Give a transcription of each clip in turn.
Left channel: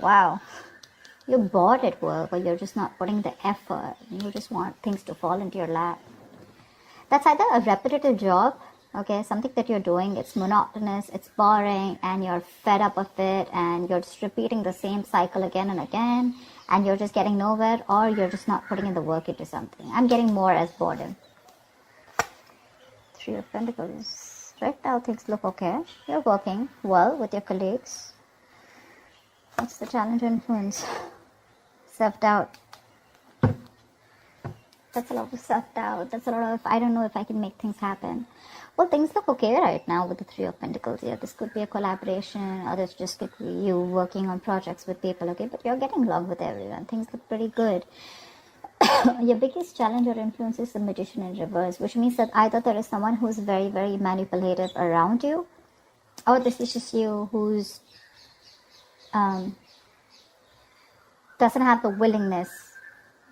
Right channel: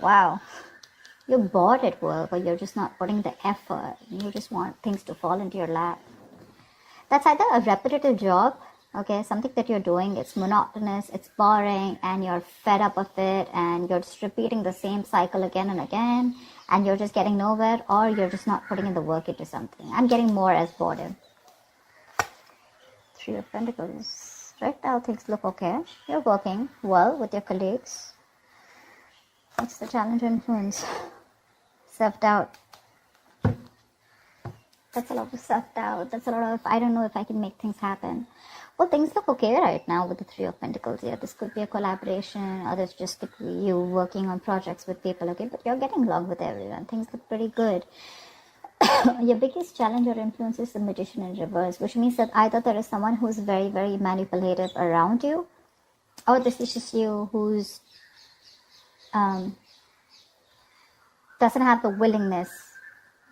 Wow. You're bored at work, or you're just not putting the effort. You just want things to fall into your lap. That's either a repetitive job, okay, something that you're doing, it's monotonous, it's boring, and you're fed up with it, and you're just repeating the same cycle again and again, and you're just getting nowhere, or you're just not putting in the work into something. I'm getting more as boredom. Three of Pentacles. Right now things look okay. You're working well with your colleagues. What's the challenge or influence? Self-doubt. That's a lot of self-doubt. That's a lot of, I don't know if I can make things happen. Well, things look okay right now with the Three of Pentacles here. This could be a collaboration, or this just could be you working on projects with people, okay? But you're getting along with everyone. Things look pretty good. Your biggest challenge or influence is the Magician in reverse, which means that either there is someone who's very, very manipulative around you, or this is just you who's doesn't have the willingness,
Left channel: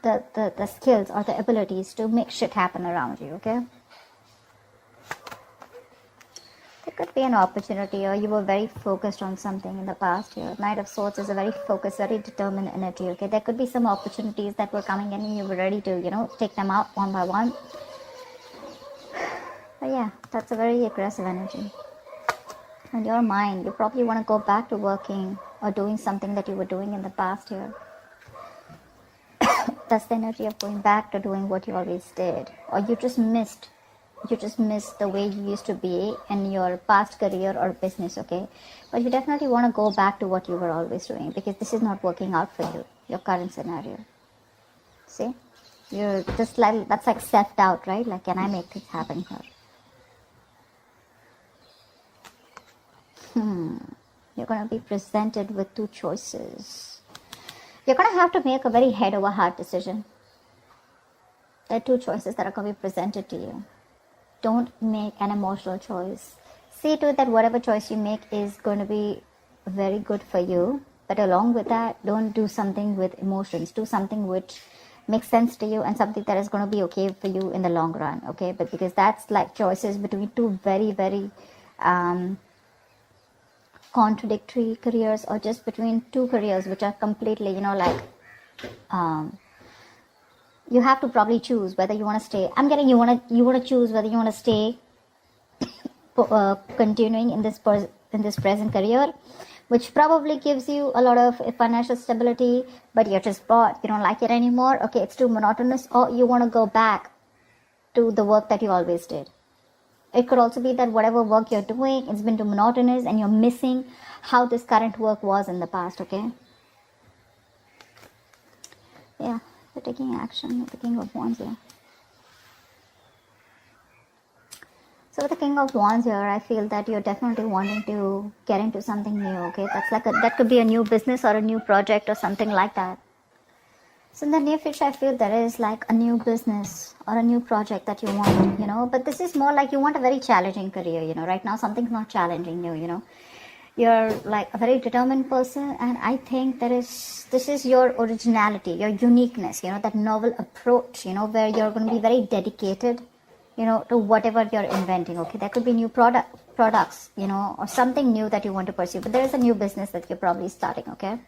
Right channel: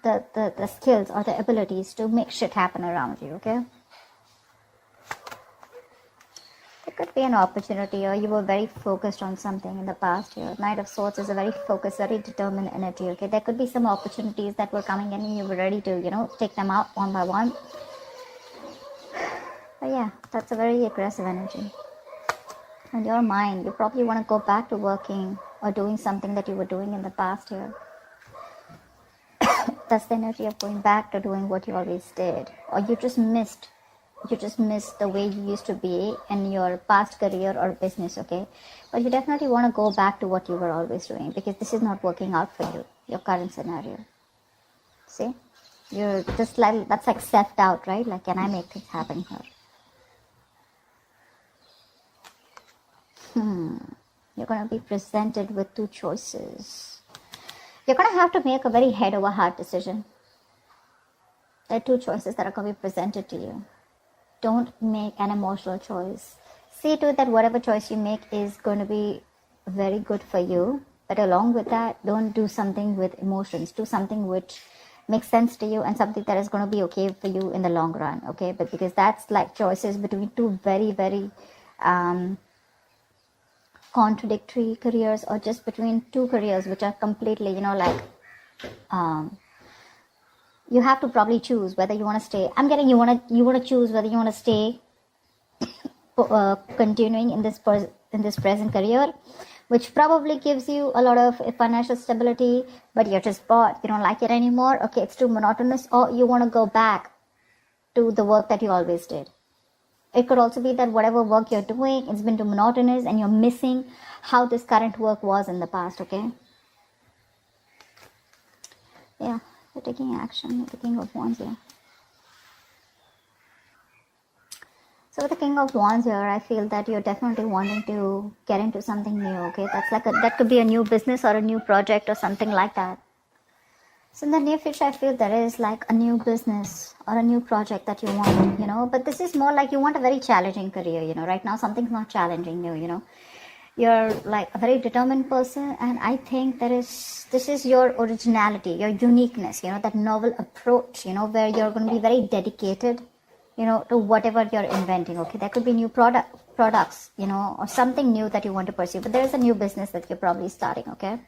the skills or the abilities to make shit happen around you, okay? There could be an opportunity, or you were very focused on something in the past here. Knight of Swords is a very focused, very determined energy, okay? There could be some opportunities that were coming in and you were ready to, take them out one by one. But yeah, that's a very aggressive energy. And your mind, you probably want to go back to working or doing something that you were doing in the past here. That's the energy of going back to doing what you always did. Or you just missed the way you used to be in your past career or business, okay? But you definitely want to go back to what you were always doing, because this is not working out for you, your current scenario. See? You're just like, that's like self-doubt, right? Like, can I make this happen here? You're going to be presented with two choices. You're going to have to make a very head-over-heart decision. There are two choices that are going to be presented to you. Don't make an emotional choice. See to it that whatever choice you make is going to be very good for you. But along with that, don't do something with emotions. Do something which makes sense to you and something that is going to be okay for you in the long run, okay? But because that's like choices between two very, very contradictory careers, or just between two careers which are completely, you have to probably choose whether you want to stay. I'm getting you want to choose whether you want to stay continuing in this present career, which probably gives you a lot of financial stability, but you're just bored. You don't like it anymore. Okay, it's too monotonous, or you want to go back to the work that you always did. It could also be that whatever work you're doing, it's been too monotonous and you're missing how this current work was in the past, okay? Yeah, we're taking action with the King of Wands here. So with the King of Wands here, I feel that you're definitely wanting to get into something new, okay? That's like that could be a new business or a new project or something like that. So in the near future, I feel there is like a new business or a new project that you want, but this is more like you want a very challenging career, right now something's not challenging you, You're like a very determined person, and I think this is your originality, your uniqueness, that novel approach, where you're going to be very dedicated, to whatever you're inventing, okay? There could be new products, or something new that you want to pursue, but there is a new business that you're probably starting, okay?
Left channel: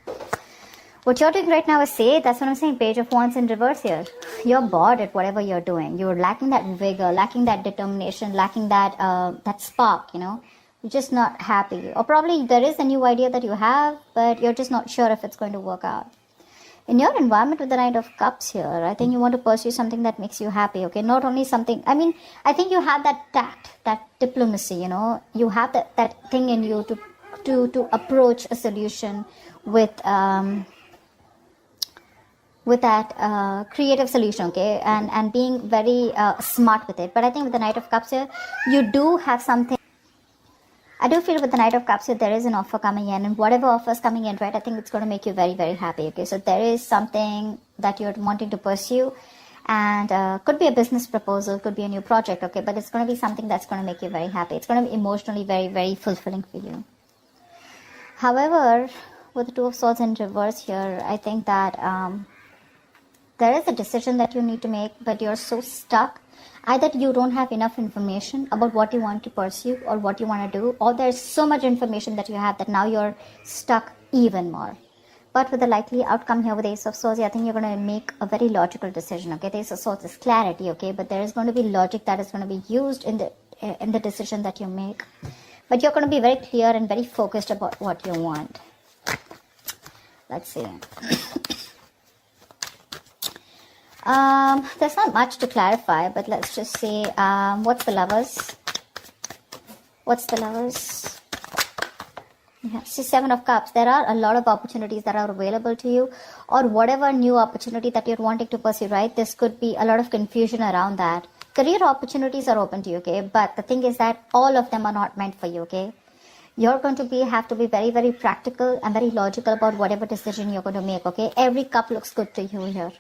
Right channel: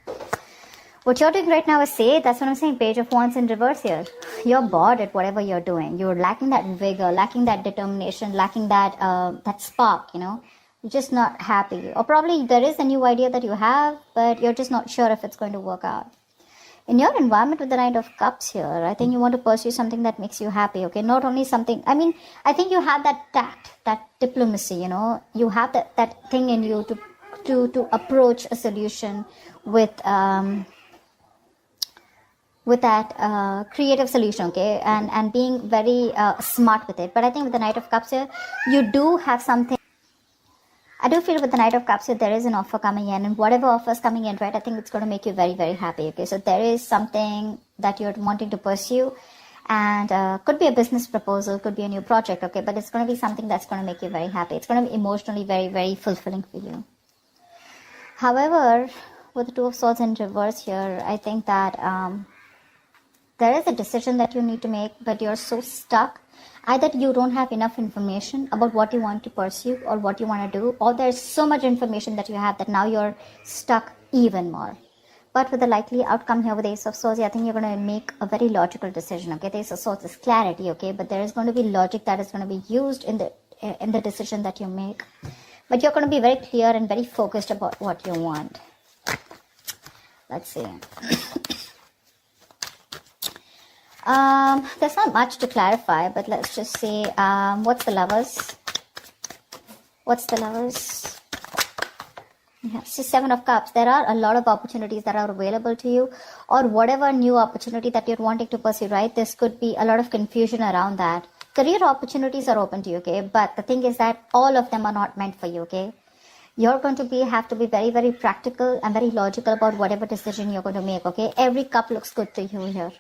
What you're doing right now is that's what I'm saying, Page of Wands in reverse here. You're bored at whatever you're doing. You're lacking that vigor, lacking that determination, lacking that spark, You're just not happy. Or probably there is a new idea that you have, but you're just not sure if it's going to work out. In your environment with the Knight of Cups here, I think you want to pursue something that makes you happy, okay? Not only something, I think you have that tact, that diplomacy, You have that thing in you to approach a solution with that creative solution, okay, and being very smart with it. But I think with the Knight of Cups here, you do have something. I do feel with the Knight of Cups here, there is an offer coming in, and whatever offer is coming in, right, I think it's going to make you very, very happy, okay? So there is something that you're wanting to pursue, and could be a business proposal, could be a new project, okay, but it's going to be something that's going to make you very happy. It's going to be emotionally very, very fulfilling for you. However, with the Two of Swords in reverse here, I think that there is a decision that you need to make, but you're so stuck. Either you don't have enough information about what you want to pursue or what you want to do, or there's so much information that you have that now you're stuck even more. But with the likely outcome here with the Ace of Swords, I think you're going to make a very logical decision, okay? The Ace of Swords is clarity, okay? But there is going to be logic that is going to be used in the decision that you make. But you're going to be very clear and very focused about what you want. Let's see. There's not much to clarify, but let's just see. What's the Lovers? What's the Lovers? It's just Seven of Cups. There are a lot of opportunities that are available to you, or whatever new opportunity that you're wanting to pursue, right? This could be a lot of confusion around that. Career opportunities are open to you, okay? But the thing is that all of them are not meant for you, okay? You're going to have to be very, very practical and very logical about whatever decision you're going to make, okay? Every cup looks good to you here.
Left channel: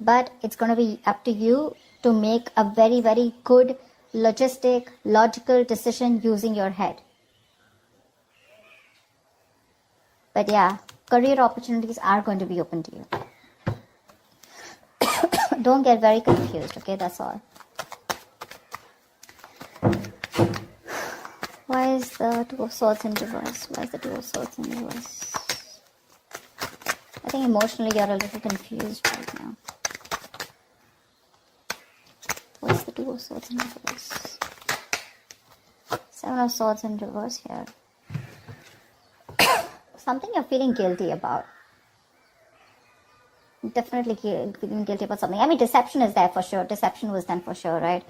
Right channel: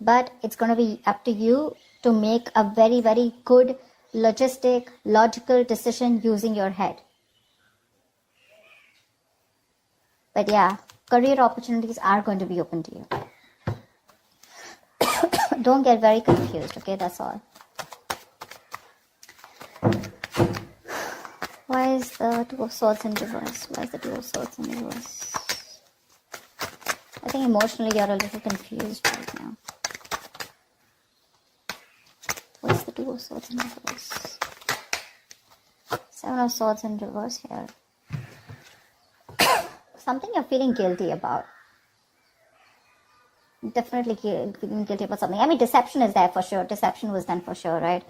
But it's going to be up to you to make a very, very good, logical decision using your head. But yeah, career opportunities are going to be open to you. Don't get very confused, okay? That's all. Why is the Two of Swords in reverse? Why is the Two of Swords in reverse? I think emotionally you're a little confused right now. What's the Two of Swords in reverse? Seven of Swords in reverse here. Something you're feeling guilty about. Definitely feeling guilty about something. I mean, deception is there for sure. Deception was done for sure, right?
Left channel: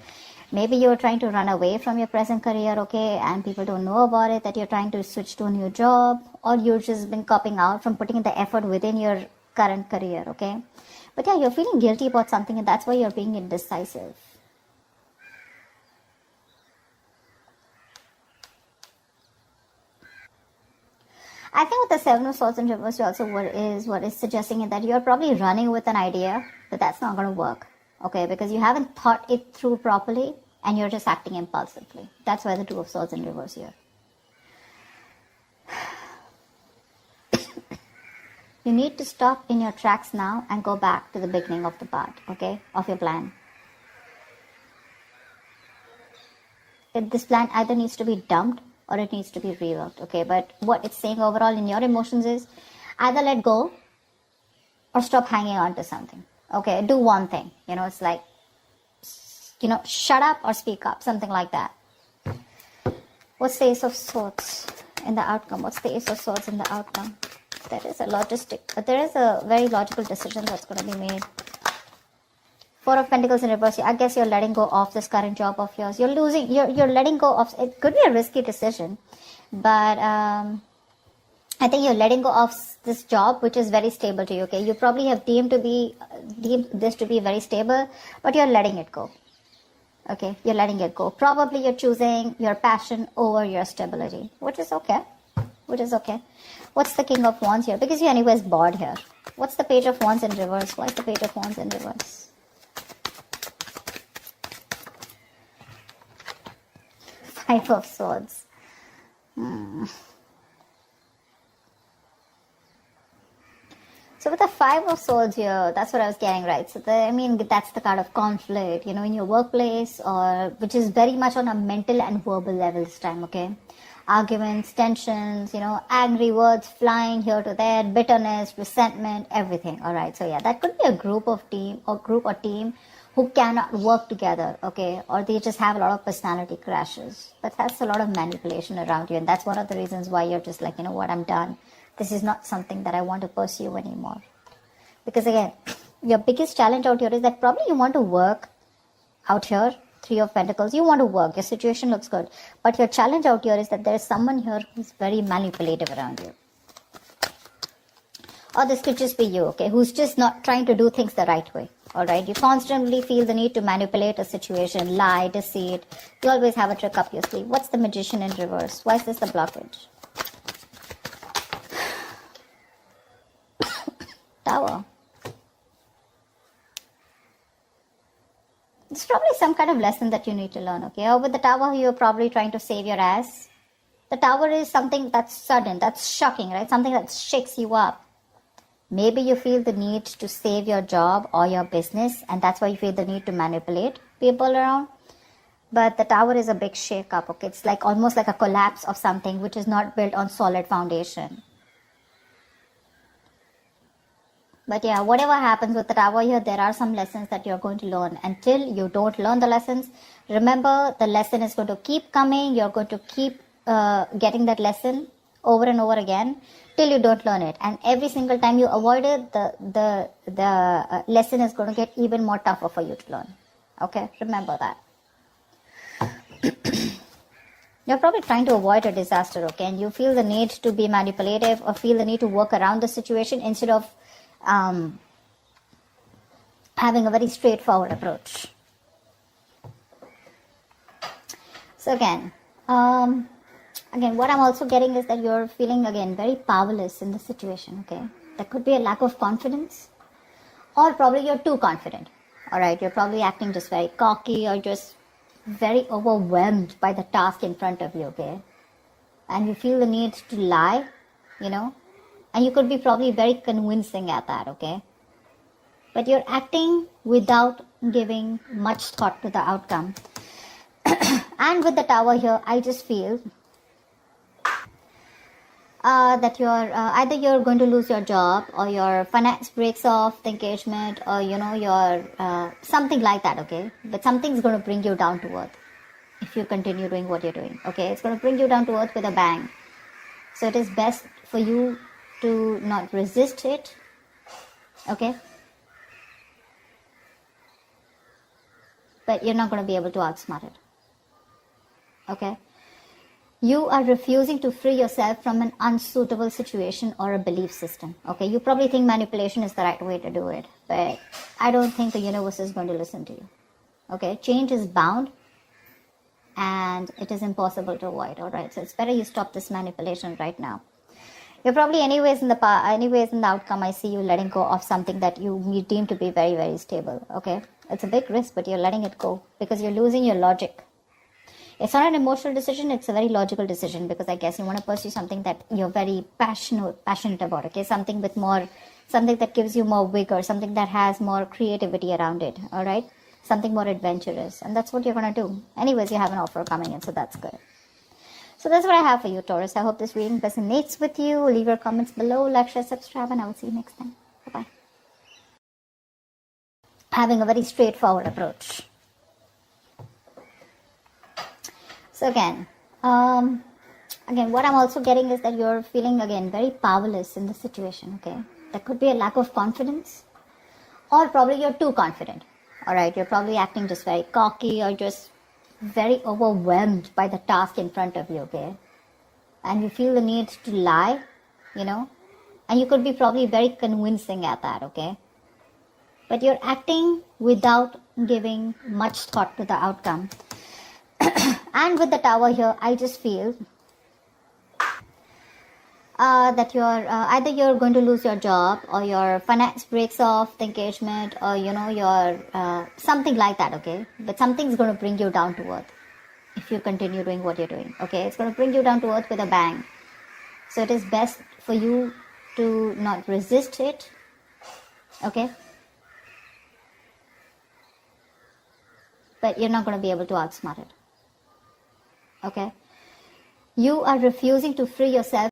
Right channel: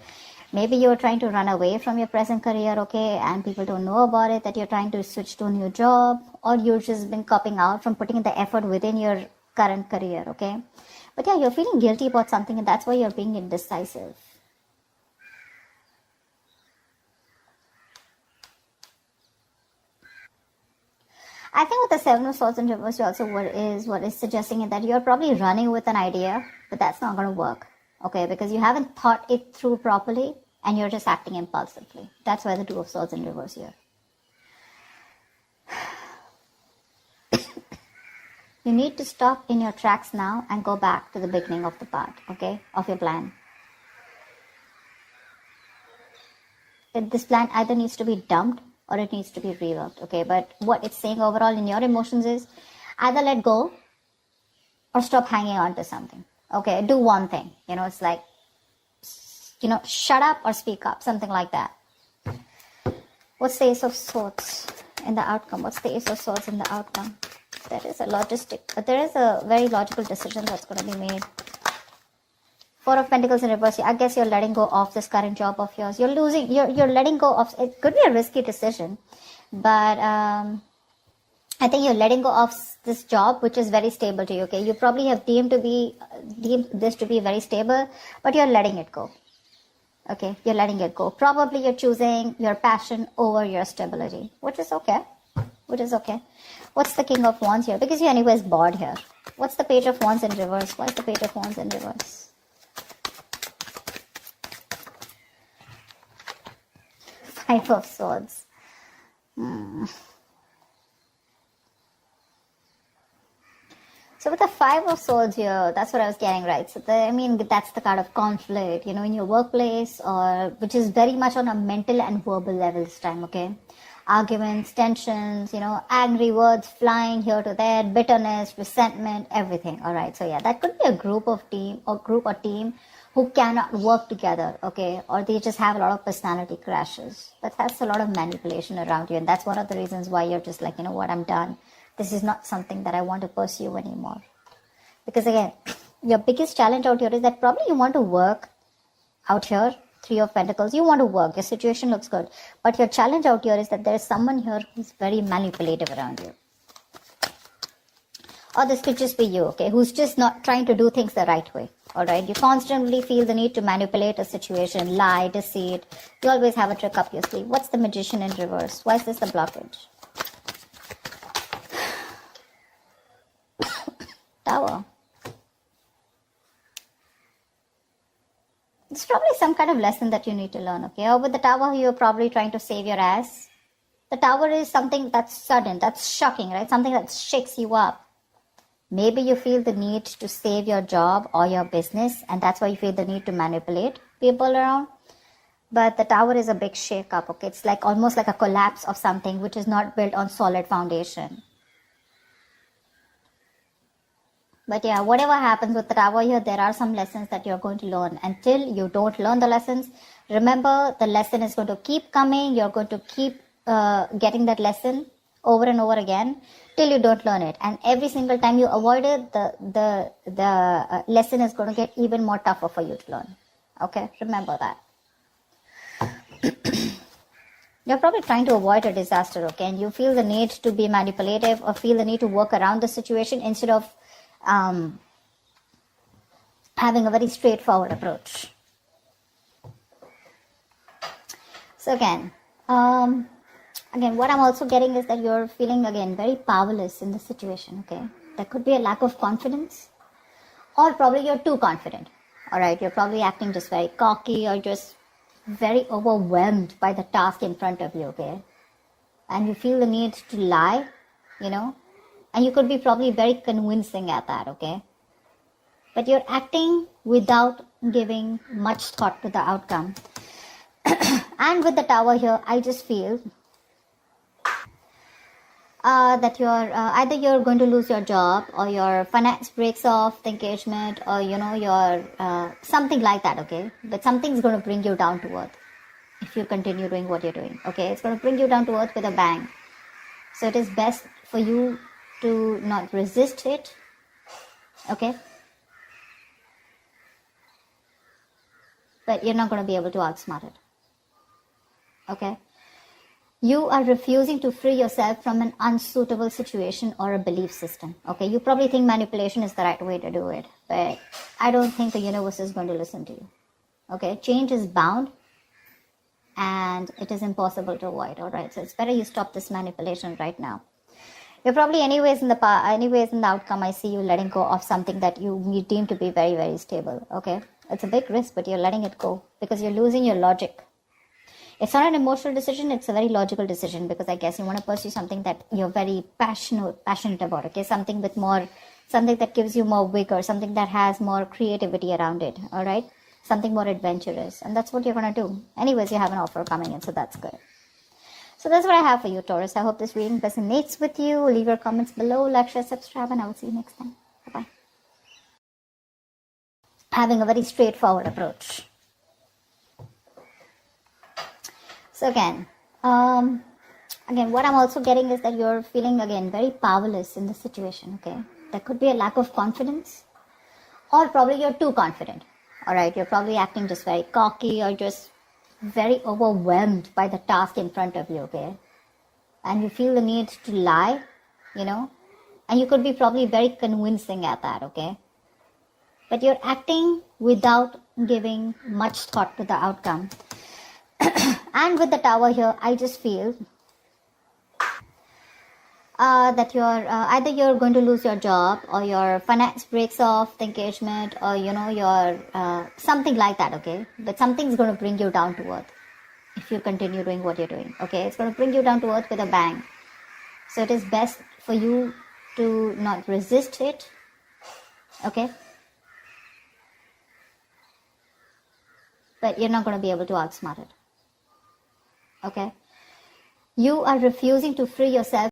Maybe you're trying to run away from your present career, okay, and people don't know about it, that you're trying to switch to a new job, or you've just been copping out from putting in the effort within your current career, okay? But yeah, you're feeling guilty about something, and that's why you're being indecisive. I think with the Seven of Swords in reverse also what is suggesting is that you're probably running with an idea, but that's not going to work, okay? Because you haven't thought it through properly and you're just acting impulsively. That's why the Two of Swords in reverse here. You need to stop in your tracks now and go back to the beginning of the path, okay? Of your plan. This plan either needs to be dumped or it needs to be reworked, okay? But what it's saying overall in your emotions is either let go or stop hanging on to something, okay? Do one thing, it's like, shut up or speak up, something like that. What's the Ace of Swords in the outcome? What's the Ace of Swords in the outcome? There is a very logical decision that's going to be made. Four of Pentacles in reverse. I guess you're letting go of this current job of yours. You're letting go of, it could be a risky decision, but I think you're letting go of this job, which is very stable to you, okay? You probably have deemed this to be very stable, but you're letting it go, okay? You're letting it go. Probably you're choosing your passion over your stability, which is okay. What's the King of Wands here? Because you're anyways bored here. What's the Page of Wands in reverse? What's the Page of Wands in reverse? Five of Swords. So with the Five of Swords here, that's what I was getting, right? So that's the kind of conflict, in your workplace, or which is very much on a mental and verbal level this time, okay? Arguments, tensions, angry words flying here to there, bitterness, resentment, everything, all right? So yeah, that could be a group or team who cannot work together, okay? Or they just have a lot of personality crashes. But that's a lot of manipulation around you, and that's one of the reasons why you're just like, what, I'm done. This is not something that I want to pursue anymore. Because again, your biggest challenge out here is that probably you want to work out here. Three of Pentacles, you want to work, your situation looks good. But your challenge out here is that there is someone here who's very manipulative around you. Or this could just be you, okay, who's just not trying to do things the right way, all right? You constantly feel the need to manipulate a situation, lie, deceit. You always have a trick up your sleeve. What's the Magician in reverse? Why is this a blockage? Tower. It's probably some kind of lesson that you need to learn, okay? Or with the Tower, you're probably trying to save your ass. The Tower is something that's sudden, that's shocking, right? Something that shakes you up. Maybe you feel the need to save your job or your business, and that's why you feel the need to manipulate people around. But the Tower is a big shake-up, okay? It's like almost like a collapse of something which is not built on solid foundation. But yeah, whatever happens with the tower here, there are some lessons that you're going to learn. Until you don't learn the lessons, remember the lesson is going to keep coming. You're going to keep getting that lesson over and over again till you don't learn it. And every single time you avoid it, the lesson is going to get even more tougher for you to learn. Okay, remember that. You're probably trying to avoid a disaster, okay? And you feel the need to be manipulative or feel the need to work around the situation instead of having a very straightforward approach. So again, what I'm also getting is that you're feeling again very powerless in the situation, okay? There could be a lack of confidence, or probably you're too confident, all right? You're probably acting just very cocky or just very overwhelmed by the task in front of you, okay? And you feel the need to lie, and you could be probably very convincing at that, okay? But you're acting without giving much thought to the outcome. And with the tower here, I just feel that either you're going to lose your job, or your finance breaks off, the engagement, or your something like that, okay? But something's going to bring you down to earth if you continue doing what you're doing, okay? It's going to bring you down to earth with a bang. So it is best for you to not resist it, okay? But you're not going to be able to outsmart it, okay? You are refusing to free yourself from an unsuitable situation or a belief system, okay? You probably think manipulation is the right way to do it, but I don't think the universe is going to listen to you, okay? Change is bound, and it is impossible to avoid, all right? So it's better you stop this manipulation right now. You're probably anyways in the outcome, I see you letting go of something that you deem to be very, very stable, okay? It's a big risk, but you're letting it go because you're losing your logic. It's not an emotional decision, it's a very logical decision, because I guess you want to pursue something that you're very passionate about, okay? Something that gives you more vigor, something that has more creativity around it, all right? Something more adventurous, and that's what you're going to do. Anyways, you have an offer coming in, so that's good. So that's what I have for you, Taurus. I hope this reading resonates with you. Leave your comments below, like, share, subscribe, and I will see you next time. Bye-bye. Having a very straightforward approach. So again, what I'm also getting is that you're feeling again very powerless in the situation, okay? There could be a lack of confidence, or probably you're too confident, all right? You're probably acting just very cocky or just very overwhelmed by the task in front of you, okay? And you feel the need to lie, and you could be probably very convincing at that, okay? But you're acting without giving much thought to the outcome. And with the tower here, I just feel that either you're going to lose your job, or your finance breaks off, the engagement, or your something like that, okay? But something's going to bring you down to earth if you continue doing what you're doing, okay? It's going to bring you down to earth with a bang. So it is best for you to not resist it, okay? But you're not going to be able to outsmart it, okay? You are refusing to free yourself